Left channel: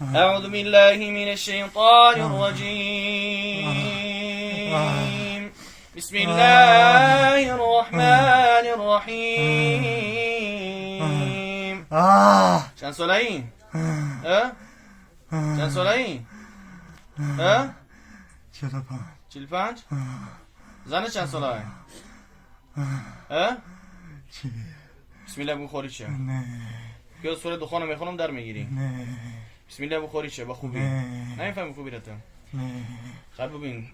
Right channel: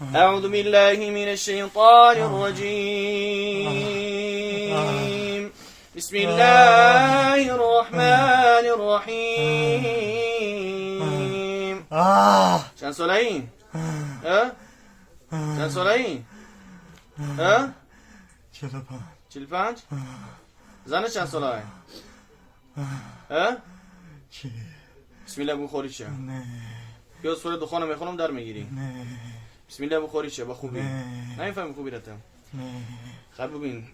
أعوذ بالله من الشيطان الرجيم. بسم الله الرحمن الرحيم. چند ساله این؟ چند ساله این؟ 45. زنه چند ساله این؟ بسم الله بخوری چه؟ بیا سوره دخانه میخونم در میگیری؟ بسم الله بخوری چه؟ با خوبی؟ نمیفهم خوبی رتم؟ خل ببین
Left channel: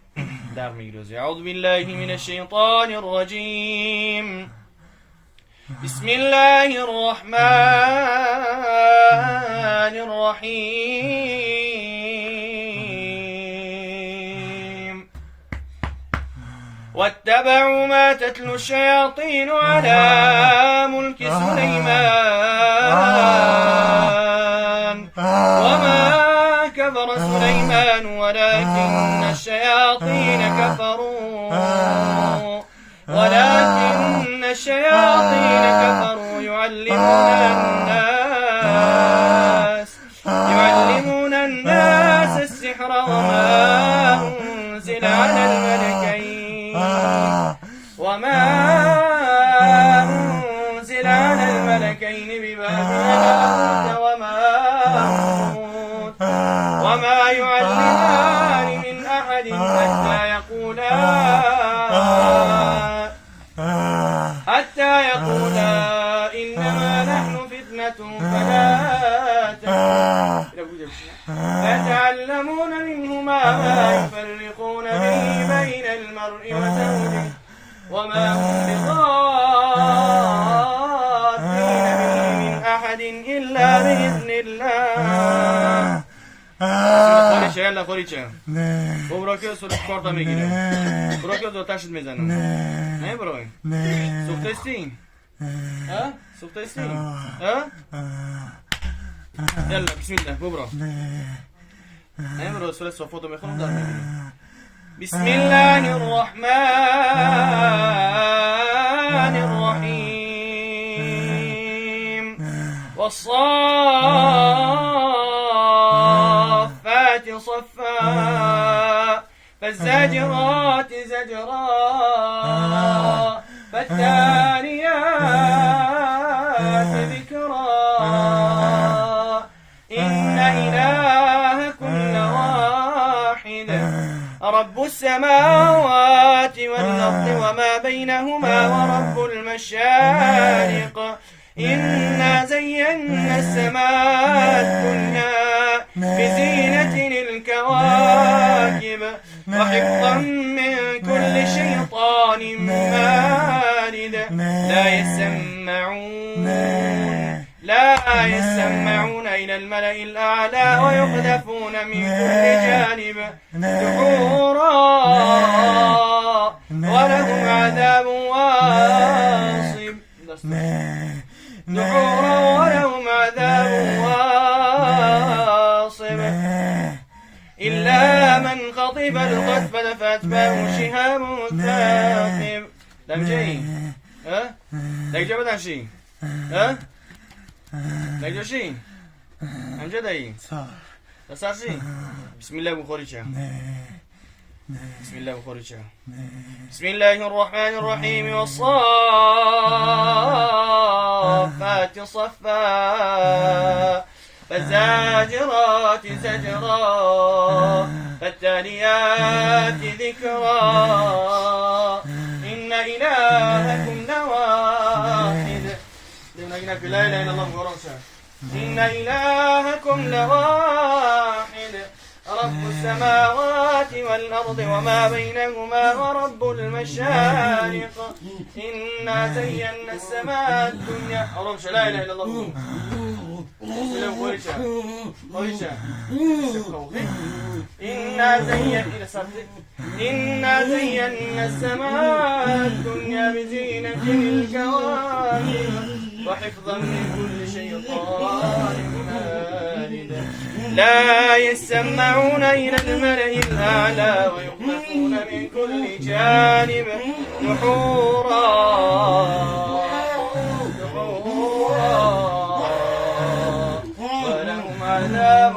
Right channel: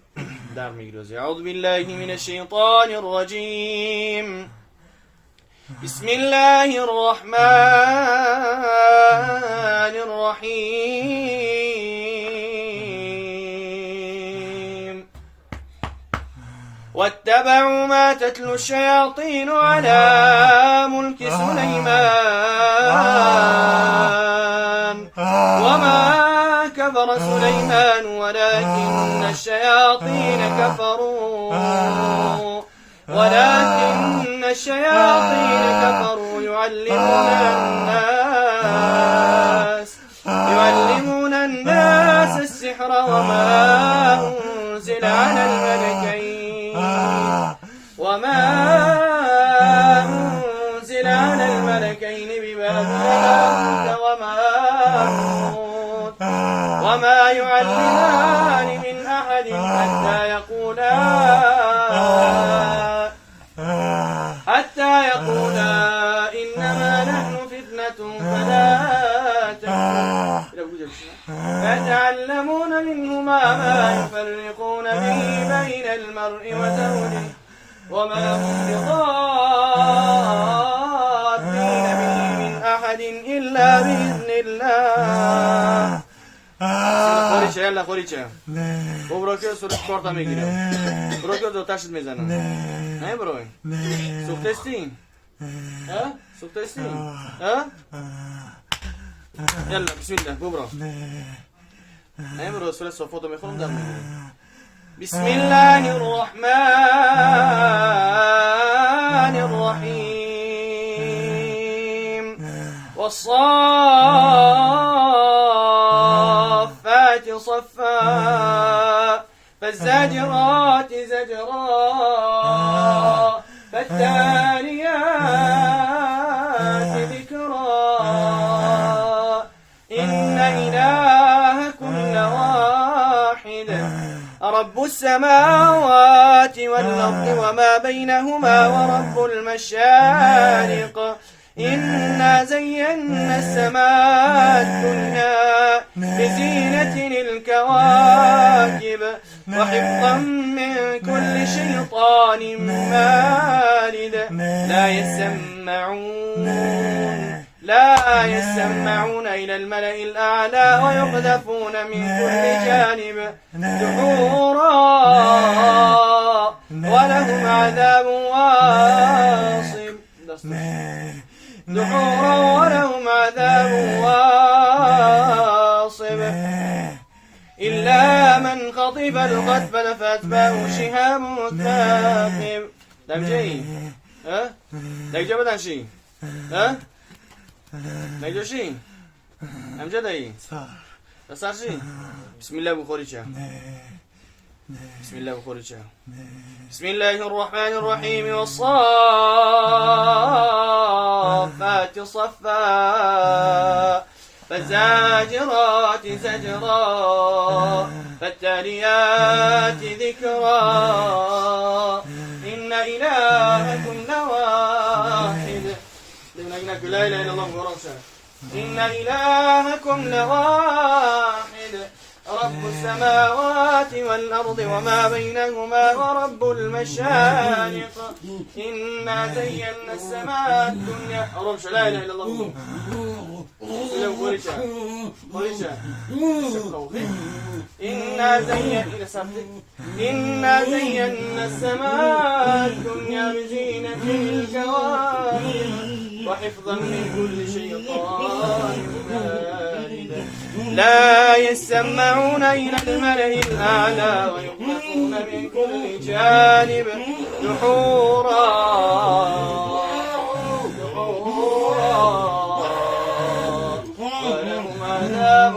در میگیری. اعوذ بالله من الشیطان الرجیم. بسم الله الرحمن الرحيم. واتبعوا ما تتلو الشياطين على ملك سليمان وما كفر سليمان ولكن الشياطين كفروا يعلمون الناس السحر وما أنزل على الملكين ببابل وما يعلمان من أحد حتى يقولا إنما نحن فتنة فلا تكفر فتعلمون منهما ما يفرقون به بين المرء وزوجه وما هم بضارين به من أحد إلا بإذن الله. خوریچه یلا خوریچه برو که سرش کارتا میگیره. برو که دوتاشت میزنم. نه برو سوختستی؟ سوختستی؟ یلا بسم الله برو. نه برو سرش صفاتو میخونم در میگیره. بسم الله الرحمن الرحيم. والصافات صفا فالزاجرات زجرا فالتاليات ذكرا إن إلهكم لواحد رب السماوات والأرض وما بينهما ورب المشارق إنا زينا السماء الدنيا بزينة الكواكب وحفظا من كل شيطان مارد لا يسمعون إلى الملأ الأعلى ويقذفون من كل جانب دحورا ولهم عذاب واصب إلا من خطف القذف فأتبعه شهاب ثاقب. دم جاي دقيقة بدن شي دقيقة شي أمجد أي تصار شي. بسم الله بخوري شا. بسم الله بخوري شا. بسم الله الرحمن الرحيم. والصافات صفا فالزاجرات زجرا فالتاليات ذكرا إن إلهكم لواحد. لا إله إلا الله ورسوله. إن إلهكم لواحد رب السماوات والأرض وما بينهما ورب المشارق إنا زينا السماء الدنيا. لا إله إلا الله. إنا زينا السماء الدنيا بزينة الكواكب وحفظا من كل شيطان مارد لا يسمعون إلى الملأ الأعلى ويقذفون من كل جانب دحورا ولهم عذاب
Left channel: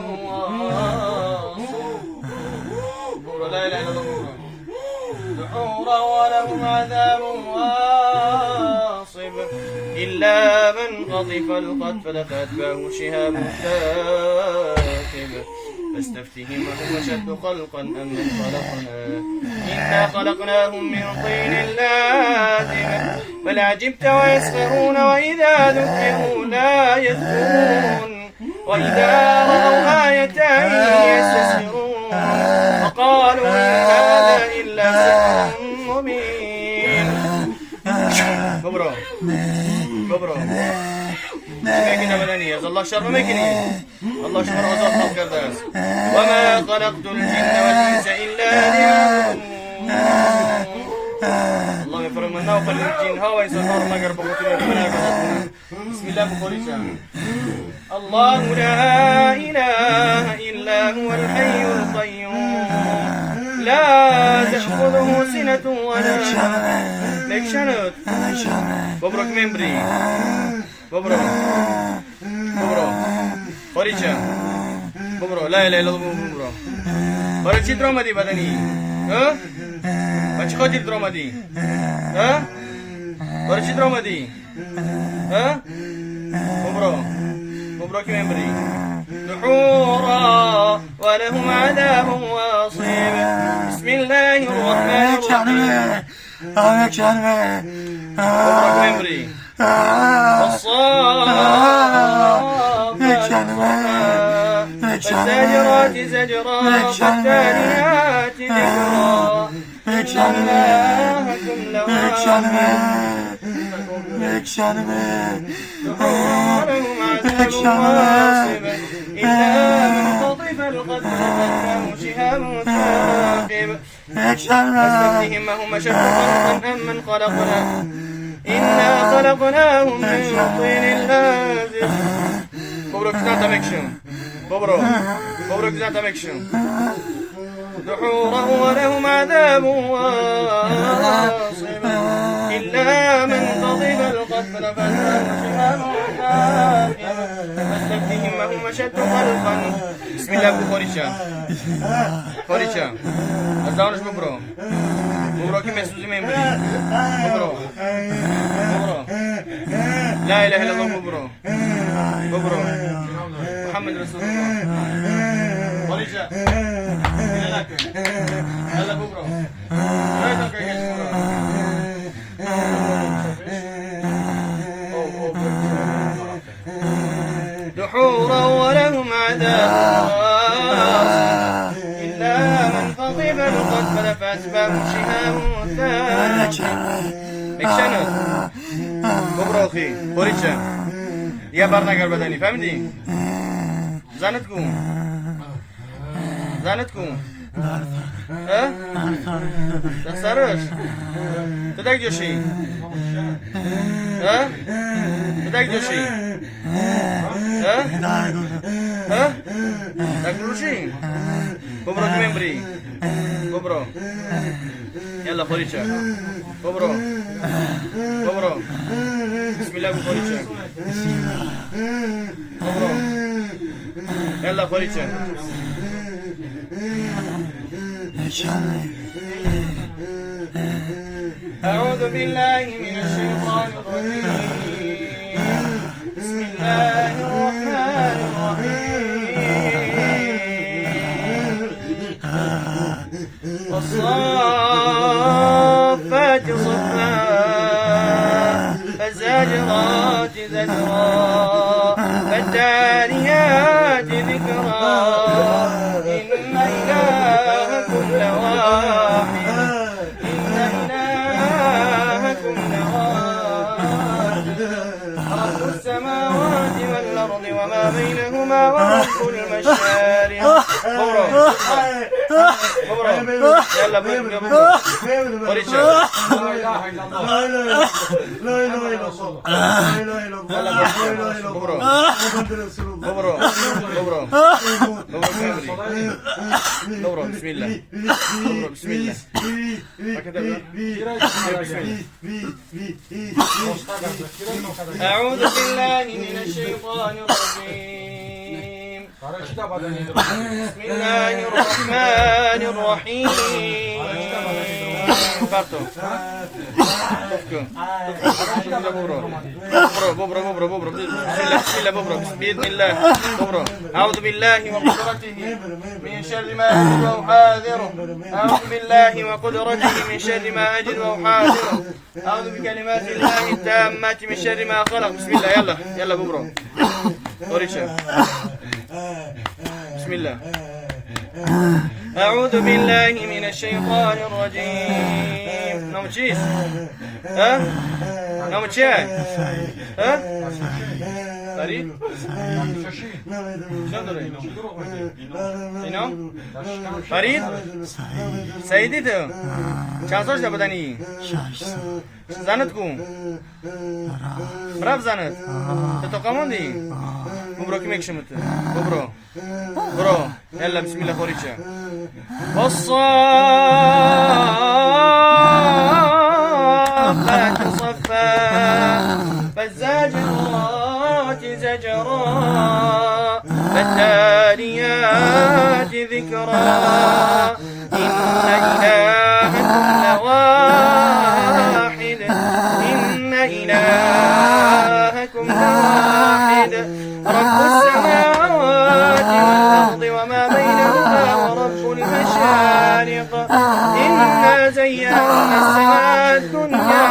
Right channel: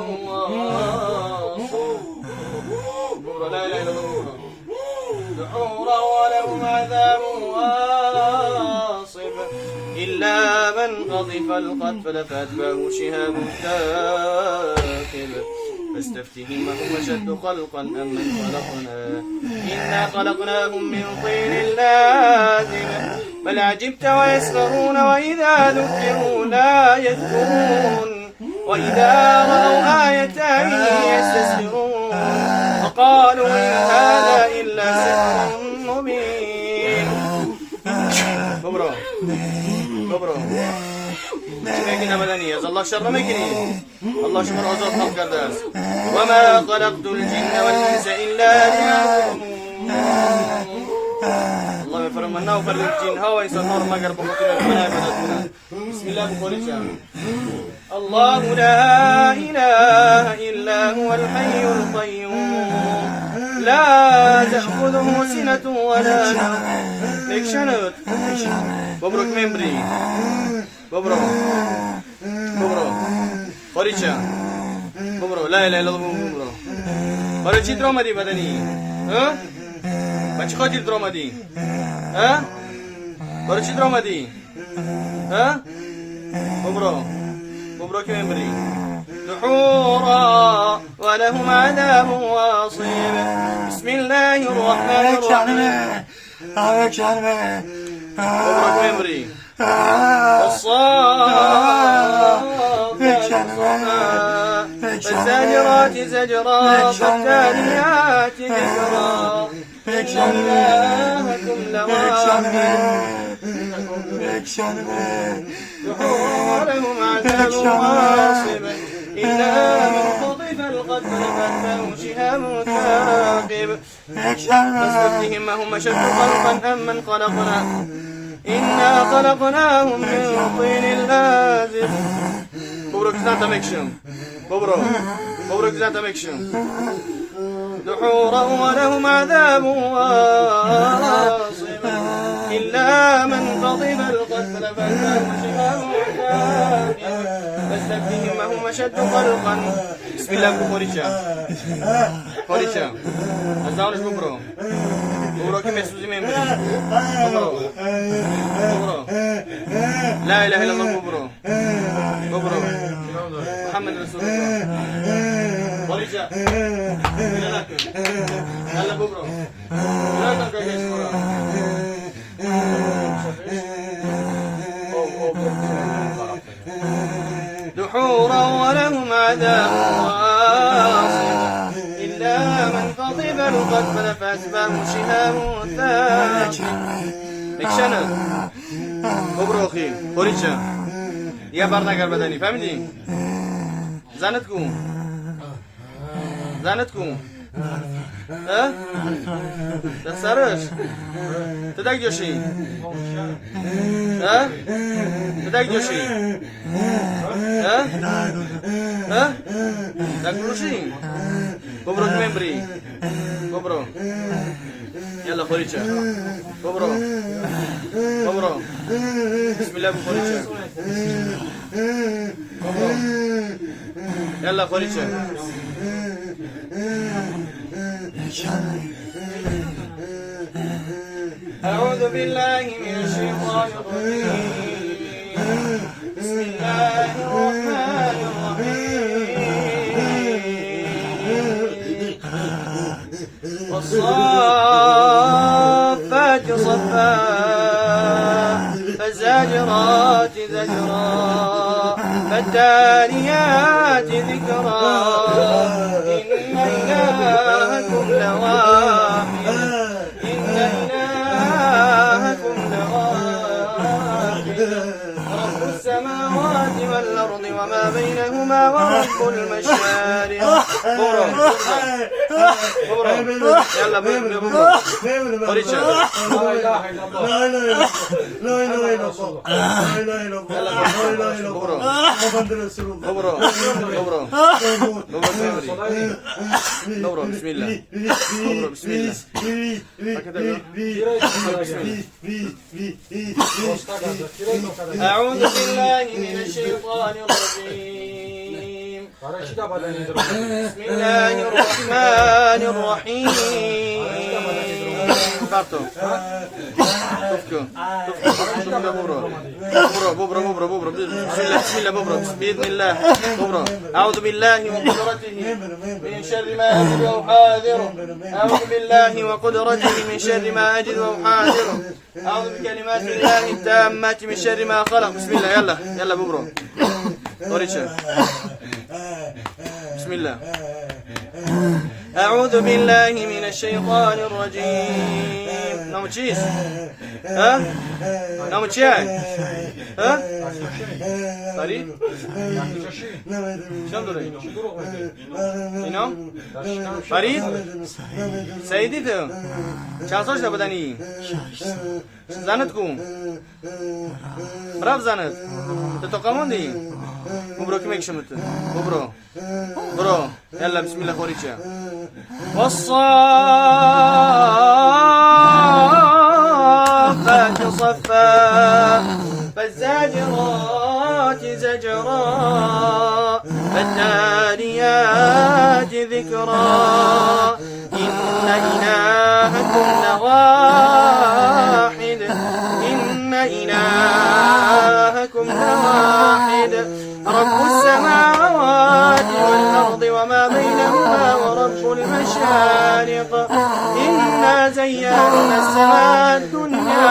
دحورا ولهم عذاب واصب إلا من قذف القذف فأتبعه شهاب ثاقب فاستفتهم هم أشد خلقا أم من خلقنا إنا خلقناهم من طين لازب بل عجبت ويسخرون وإذا ذكروا لا يذكرون وإذا رأوا آية يستسخرون وقالوا إن هذا إلا سحر مبين. كبروا كده بدنية الله شر مكني الله شر عزوكم كرداس وما خلقت الجن والإنس إلا ليعبدون. الله يفرم منا وفرم الجن هوا يسنور مقر بمطلع المنابنة. بسم الله بخوري الله لا إله إلا هو الحي القيوم لا تأخذه سنة ولا نوم. مكشنت ببرك ممبري ببرو خوريشا ببرو لا إله إلا الله ببرو خوريشي درومدي بدني ها بچ خودي درومدي ها خوريشي درومدي ها ببرو كمبري دحورا ولهم عذاب واصب بسم الله الرحمن الرحيم ببرو كمبري فالزاجرات زجرا فالتاليات ذكرا إن إلهكم لواحد دحورهم عذاب واصب إلا من قذف القذف فأتبعه شهاب ثاقب فاستفتهم هم أشد خلقا أم من خلقنا إنا خلقناهم من طين لازب. ببرو كذا مكشم ببرو كذا مكشم دحورا ولهم عذاب واصب إلا من قضب القذف فأتبعه شهاب ثاقب فاستفتهم هم أشد خلقا. بسم الله خوريشا أزاونش ببرو كم يسوزي ميمبري ببرو لا إله إلا الله ببرو محمد رسول الله خوريشا يلا ببرو لا تنكر يسمرا دحورا ولهم عذاب إلا من قضب القذف فأتبعه شهاب ثاقب. مكشنت ببرو أخي خوريشا يا بارنا قرب بدني فهمتي زانتكم ها تسرس تدق جوشي ها تدق جوشي ها تاكلوشي ببرو كمبري ببرو يلا خوريشا ببرو بسم الله بخوريشا ببرو يلا خوريشا أعوذ بالله من الشيطان الرجيم بسم الله الرحمن الرحيم والصافات صفا فالزاجرات زجرا فالتاليات ذكرا إن إلهكم لواحد رب السماوات والأرض وما بينهما ورب المشارق. يلا ببرو خوريشا لا إله إلا الله لا إله إلا الله لا إله إلا الله محمد رسول الله ببرو بسم الله بسم الله أعوذ بالله من الشيطان الرجيم بسم الله الرحمن الرحيم Fatto. ببرة بسم الله ببرة أعوذ بالله وقدرته من شر ما أجد وأحاذره أعوذ بالله وقدرته من شر ما أجد وأحاذره أعوذ بكلمات الله التامات من شر ما خلق بسم الله يلا ببرة بسم الله أعوذ بالله من الشيطان الرجيم نمشيش ها نمشيش ها فريد فريد سيدي تو چاسوش ده بدنی زنت کو براب زنت تو قمون دی ببرو كم يكشمت برو يلا بسم الله خوريشة والصافات صفا فالزاجرات زجرا فالتاليات ذكرا إن إلهكم لواحد إن إلهكم لواحد رب السماوات والأرض وما بينهما ورب المشارق إنا زينا السماء الدنيا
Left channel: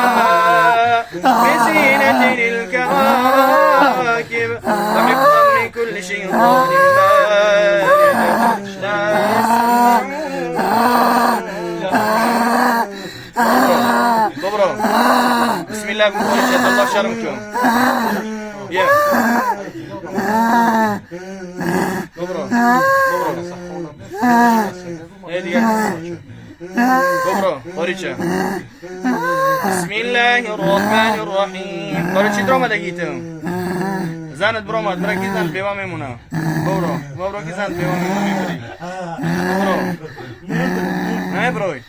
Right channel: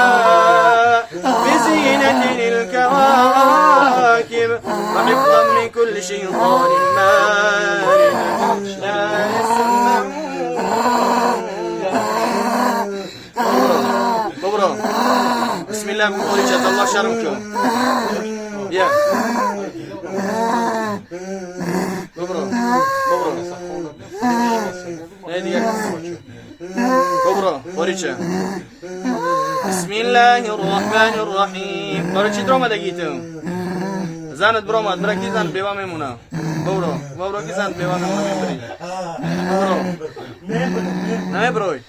بزينة للكواكب وحفظا من كل شيطان مارد لا يسمعون بسم الله بقول الله شرمكم يا ببرو خوريشة بسم الله الرحمن الرحيم خوريشة دروما دقيتم زانت برومات مركي زانت بيوا ميمونا ببرو كي زانت بيوا ميمونا ناي بروي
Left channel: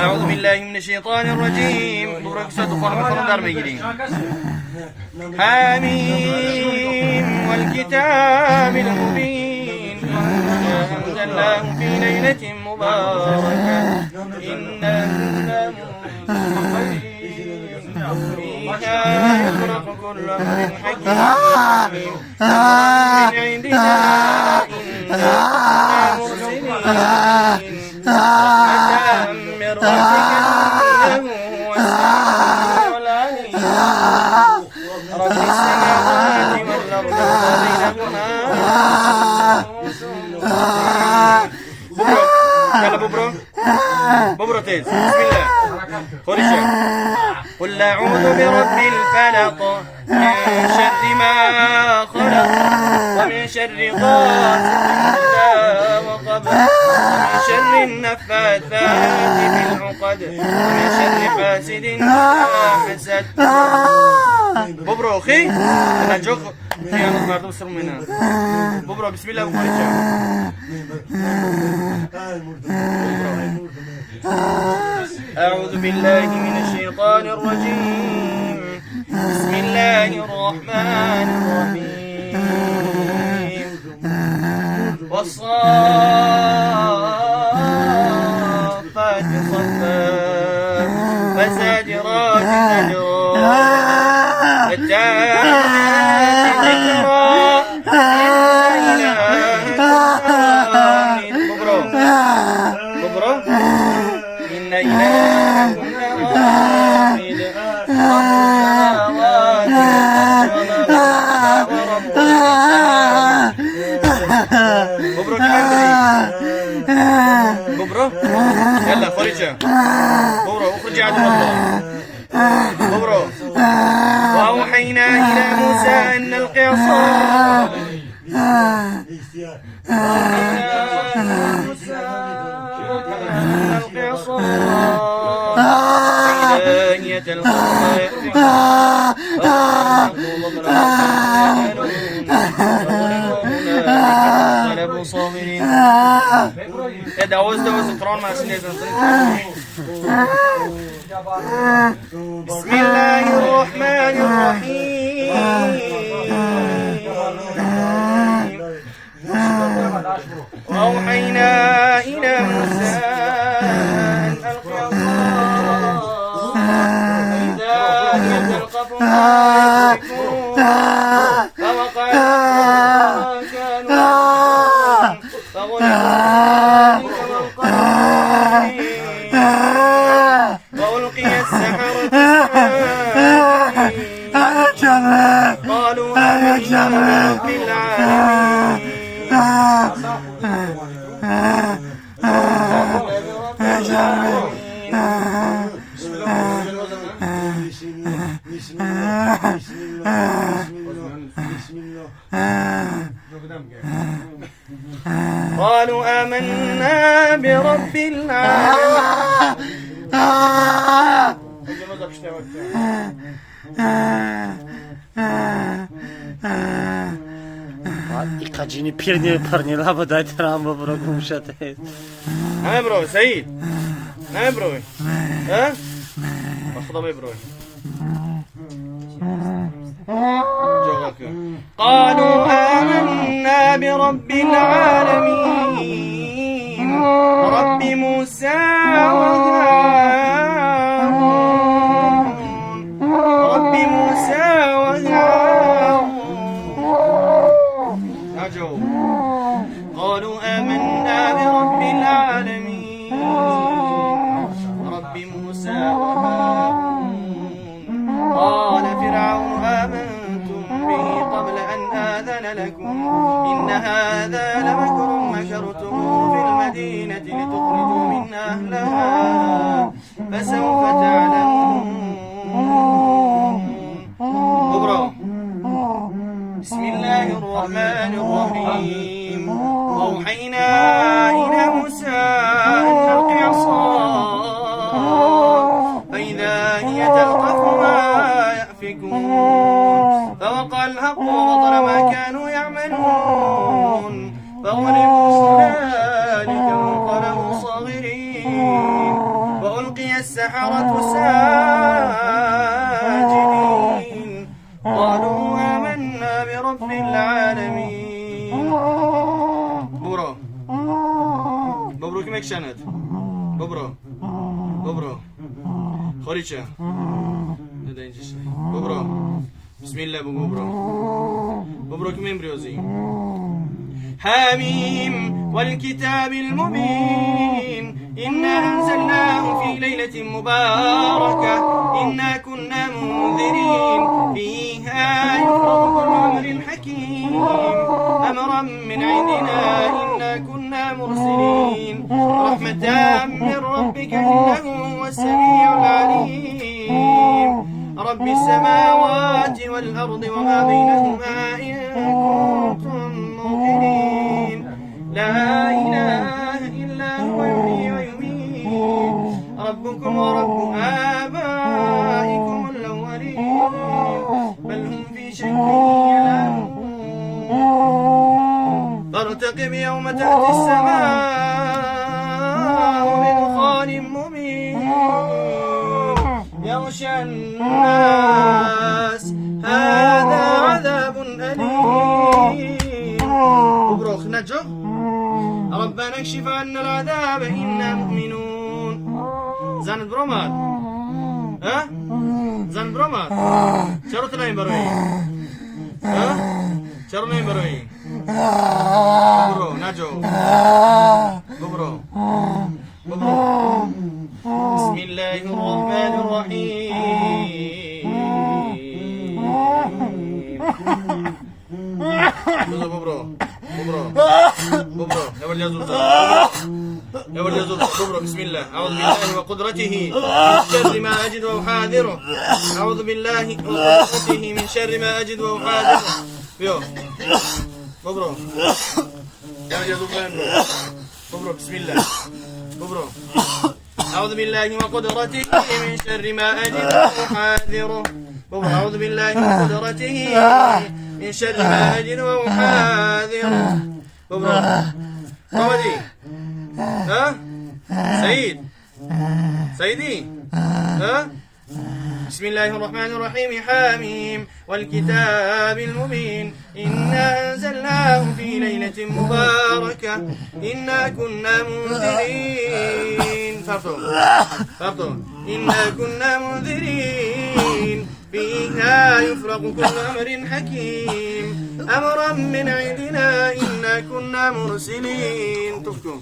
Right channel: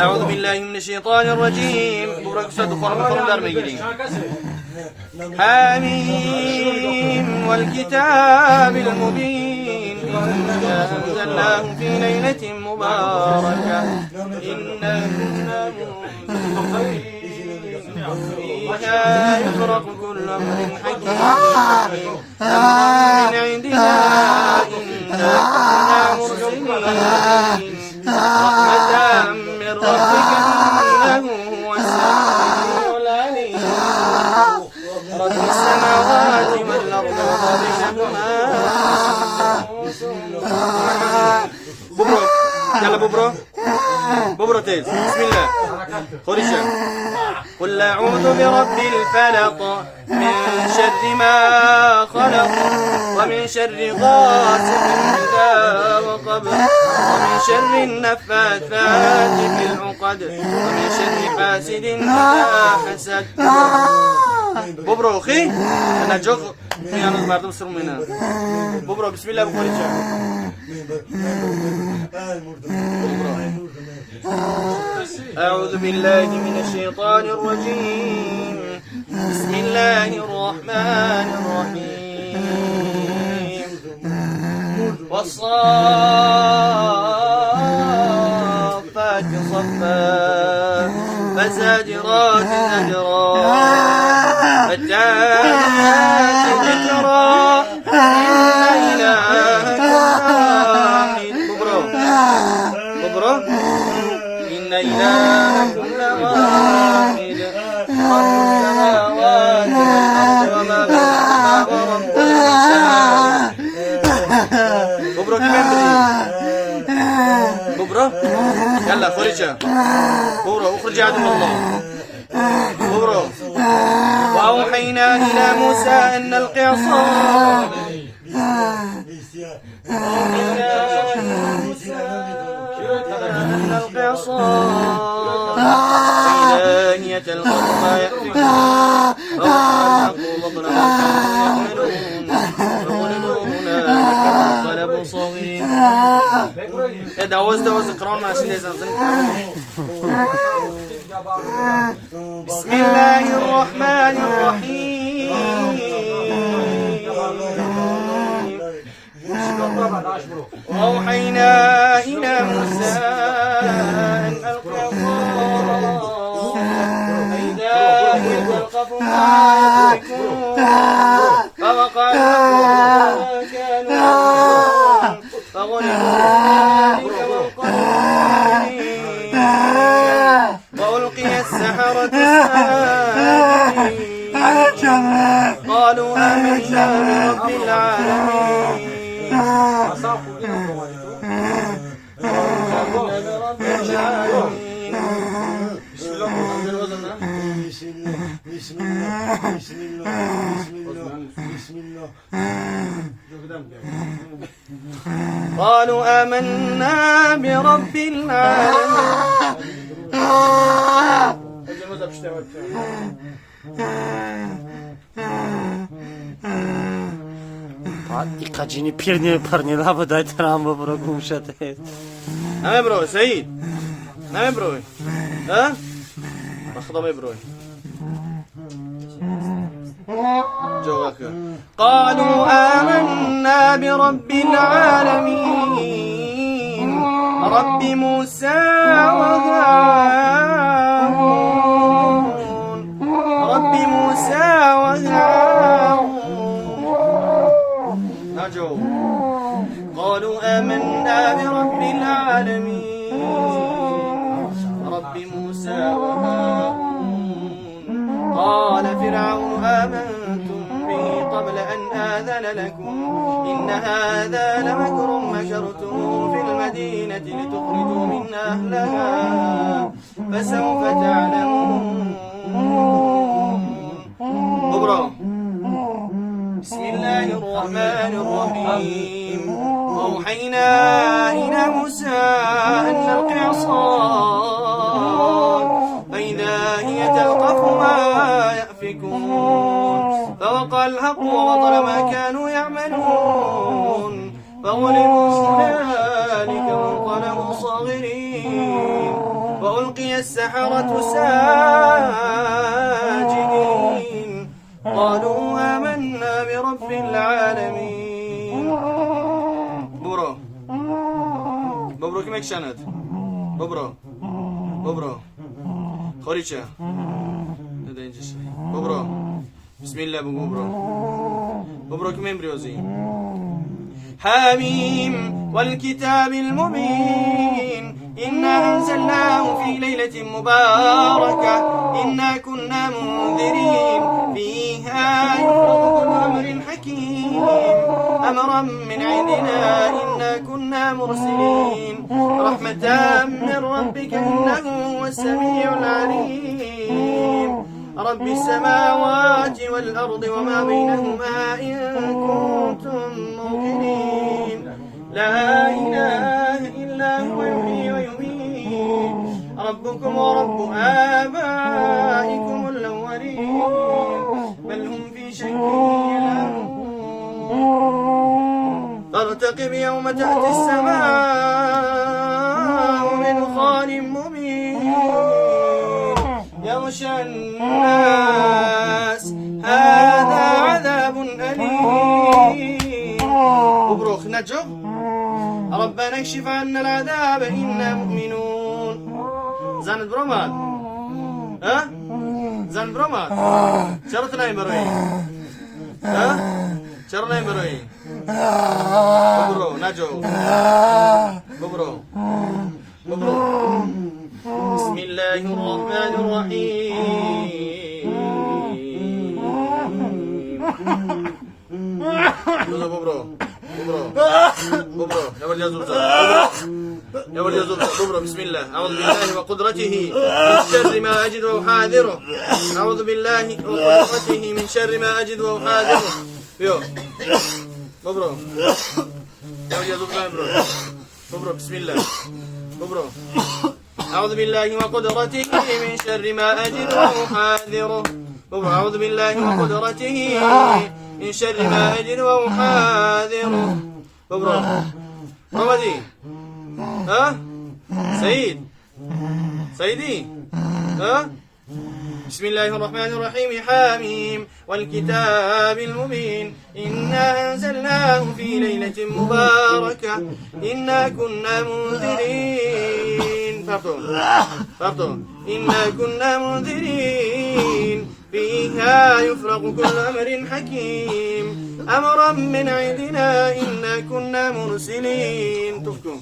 أعوذ بالله من الشيطان الرجيم ببرو كي صدقون مخلون دار ميجرين حميم والكتاب المبين أنزلناه في ليلة مباركة إنا كنا فيها يفرق كل أمر حكيم أمر من عندنا إنا كنا مرسلين رحمة من ربك إنه هو السميع العليم رب السماوات والأرض وما بينهما ببرو يلا ببرو تيز بسم الله خوريشة قل أعوذ برب الفلق من شر ما خلق ومن شر غاسق إذا وقب ومن شر النفاثات في العقد ومن شر حاسد إذا حسد ببرو أخي أنا جوك في أنا مردم سرمينا ببرو بسم الله بخوريشة أعوذ بالله من الشيطان الرجيم بسم الله الرحمن الرحيم والصافات صفا فالزاجرات زجرا فالتاليات ذكرا إن إلهكم ببرو إن إلهكم لواحد رب السماوات والأرض وما بينهما ورب المشارق ببرو كمندري ببرو يلا خوريشة ببرو اخرج عدو الله ببرو وأوحينا إلى موسى أن نلقي عصاه فإذا هي تلقى ما يأفكون صاغرين دعوز ذكرون مع بسم الله الرحمن الرحيم وأوحينا إلى موسى أن ألق عصاك فإذا هي تلقف ما يأفكون فوقع الحق ما كانوا يعملون فغلبوا ذلك وألقي السحرة ساجدين قالوا آمنا برب العالمين قالوا آمنا برب العالمين Kacini pirnil parnil hava da tram bro kumshate. نعم بروي سعيد نعم بروي ها خدمي بروي قالوا آمنا برب العالمين رب موسى وهارون رب موسى وهارون نجو قالوا آمنا برب العالمين رب موسى وهارون قال فرعون آمنتم به قبل أن آذن لكم إن هذا لمكر مكرتموه في المدينة لتخرجوا منها أهلها فسوف تعلمون بسم الله الرحمن الرحيم وأوحينا إلى موسى أن ألق عصاك فإذا هي تلقف ما يأفكون فوقع الحق وبطل ما كانوا يعملون فغلبوا هنالك وانقلبوا صاغرين وألقي السحرة ساجدين قالوا آمنا برب العالمين ببرو كم يكشاند ببرو خوريشة ببرو بسم الله ببرو كمين بريوزي حاميم والكتاب المبين إنا أنزلناه في ليلة مباركة إنا كنا منذرين فيها يفرق كل أمر حكيم أمرا من عندنا إنا كنا مرسلين رحمة من ربك إنه هو السميع العليم رب السماوات والأرض وما بينهما إن كنتم موقنين لا إله إلا هو يحيي ويميت ربكم ورب آبائكم الأولين بل هم في شك يلعبون فارتقب يوم تأتي السماء بدخان مبين يغشى الناس هذا عذاب أليم مبروك نجو ربنا اكشف عنا العذاب إنا مؤمنون زاند برومات ها زاند برومات شرطنا يمبري ها شرطنا يمبري ببرو نجو ببرو بسم الله الرحمن الرحيم ببرو يا ولد ببرو بسم الله أعوذ بالله وقدرته من شر ما أجد وأحاذره أعوذ بالله وقدرته من شر ما أجد وأحاذره يو ببرو يا ولد ببرو بسم الله ببرو أعوذ بالله وقدرته من شر ما أجد وأحاذره أعوذ بالله وقدرته من شر ما أجد وأحاذره رمضي ها سيدي ها بسم الله الرحمن الرحيم حاميم والكتاب المبين إنا أنزلناه في ليلة مباركة إنا كنا منذرين فرطوا إنا كنا منذرين فيها يفرق كل أمر حكيم أمرا من عندنا إنا كنا مرسلين تفكوا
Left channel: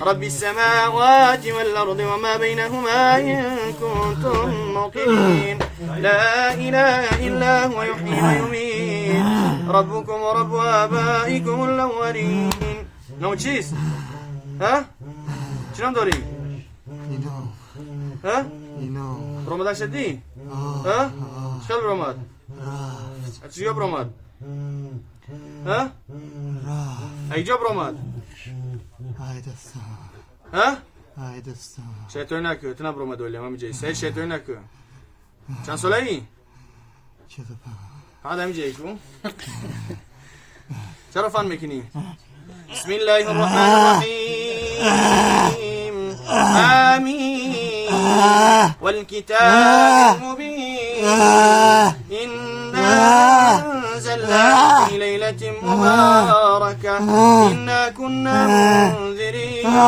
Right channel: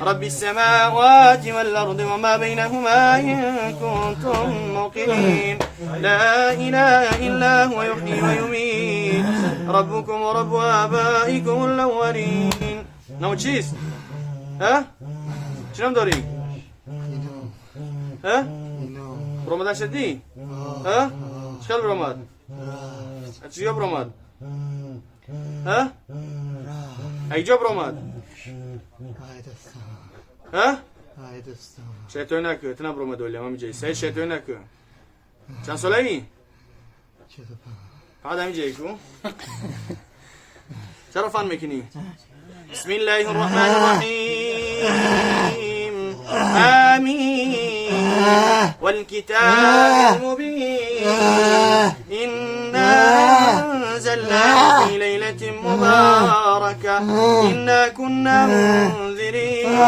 رب السماوات والأرض وما بينهما إن كنتم موقنين لا إله إلا هو يحيي ويميت ربكم ورب آبائكم الأولين نو تشيز ها شنو دوري ها رمضان شدي ها شكل رمضان أتشيو برمضان ها أيجو برمضان ها؟ شيطانك تنبرو مدولي ما مجي سيد شيطانك كان صلي هذا مجي شو شرفان مكني بسم الله الرحمن الرحيم آمين والكتاب المبين إنا أنزلناه في ليلة مباركة إنا كنا منذرين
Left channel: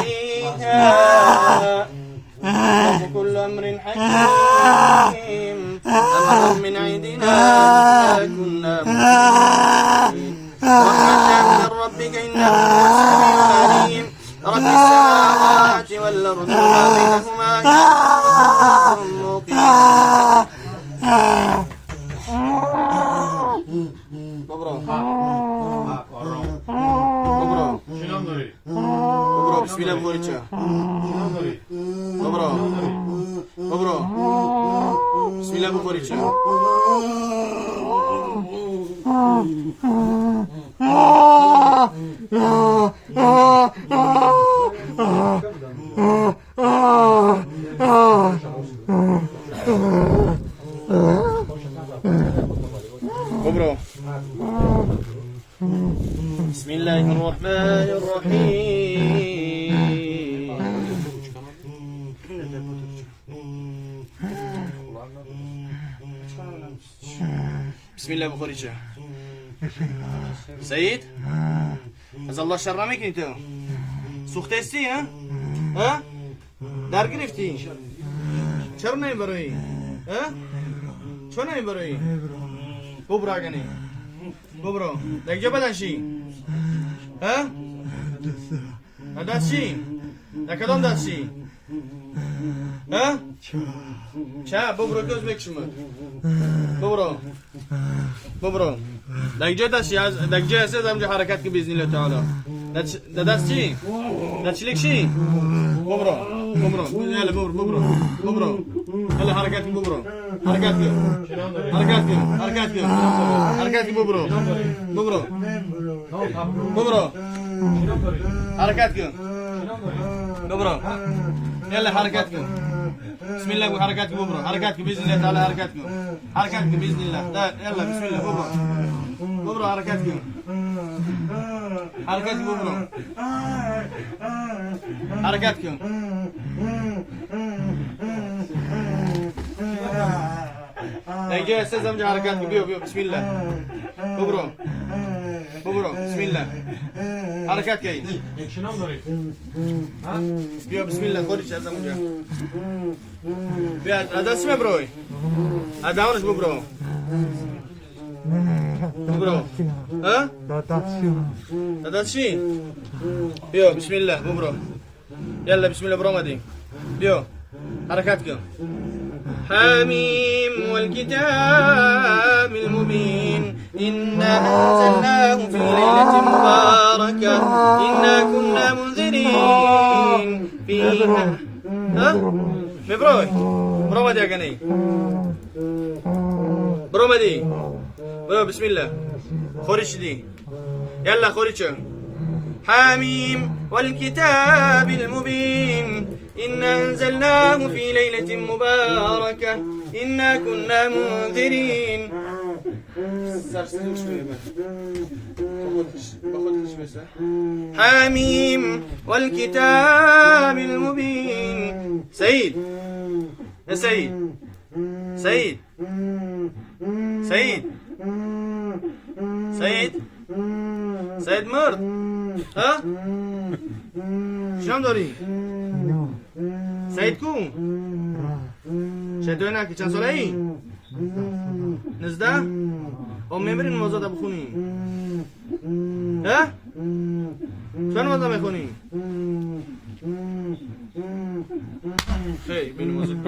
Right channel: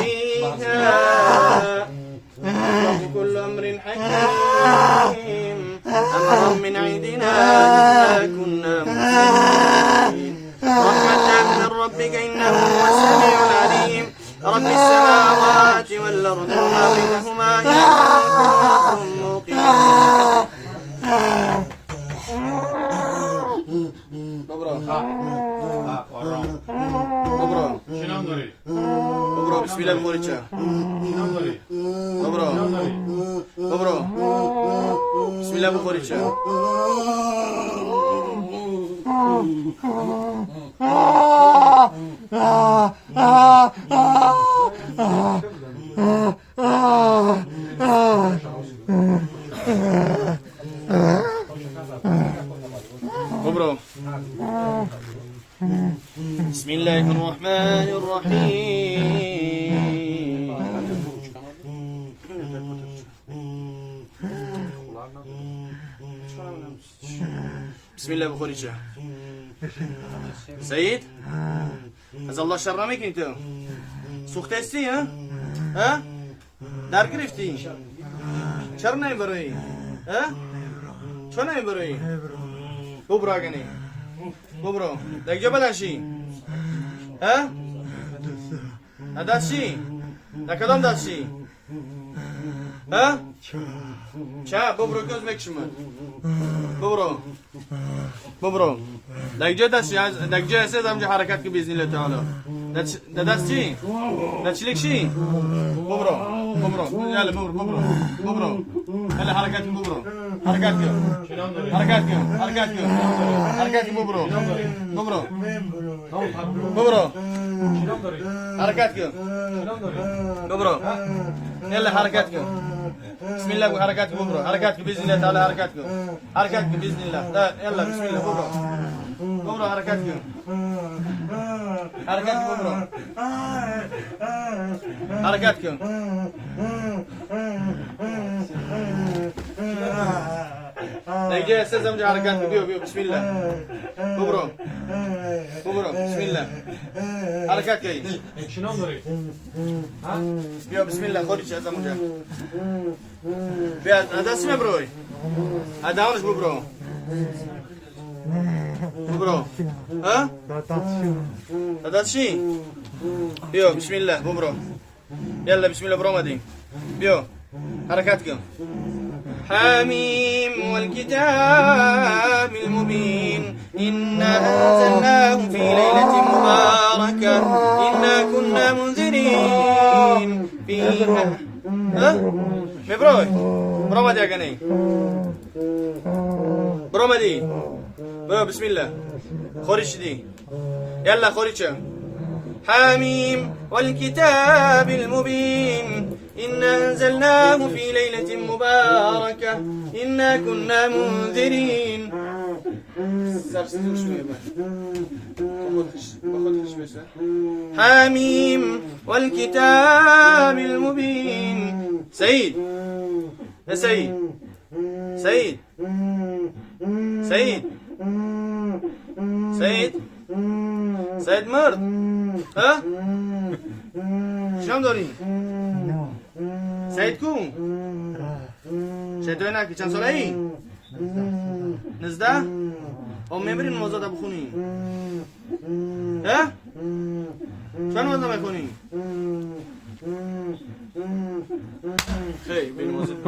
فيها يفرق كل أمر حكيم أمرا من عندنا إنا كنا منذرين رحمة من ربك إنه هو السميع العليم رب السماوات والأرض وما بينهما إن كنتم موقنين Dobro, bismillah Morica. Dobro. Bismillah Morica. Dobro. بسم الله الرحمن الرحيم بسم الله بخوريجا سيد هذا الله شرمك انت سوختستي ها دار گرفتی چرا نمیبری چرا نمیبری ببرا گنی ببرا دیگه بدنشی ها دستشی در کدام دستشی ها چه ببرا göz بکشم ببرا دیگه دستی دیگه هست همجا حرکت که باذن الله تعالی دستی دستشیلک شی ببرا يلا ببرا يلا حركات ببرا حركات ببرا حركات ببرا يلا حركات بسم الله وحركات ببرا حركات باذن الله تعالى حركات باذن الله يلا بسم الله ببرا حركات ببرا حركات نيجي استاذ امجد حركات بيو بسم الله ببرا بسم الله حركات كاي شنو دوري بيو بسم الله خذ استاذ امجد بيا هذا اسمه بروي هذا هونش ببرو ها داتشي بيو بسم الله ببرو يلا بسم الله برمضان بيو حركاتكم حاميم والكتاب المبين إنا أنزلناه في ليلة مباركة إنا كنا منذرين فيها ها مبروي برمضان يا جني برمضان بسم الله خورج دي يلا خورج حاميم والكتاب المبين إنا أنزلناه في ليلة مباركة إنا كنا منذرين سرسیزوش میبن با خودش بسه حمیم والکتاب المبین سعید سعید سعید سعید سعید سعید مرد ها شام داری سعید کو سعید تو نه که چند ساله ای 19 هم میبرین موزاده بخونی ها چند موزا میخونی خیلی بین موزاده